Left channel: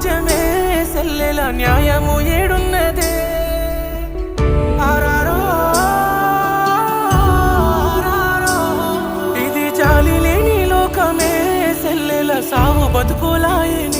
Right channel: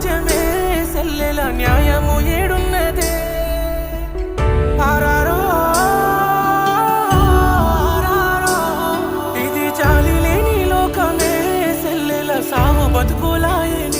రాజ్యమే సెల్లెల న్యాయము ఏడున్నదే ఆరారో ఇది చాలి లేని లోకమే సెల్లెల సావు బతుకులాయని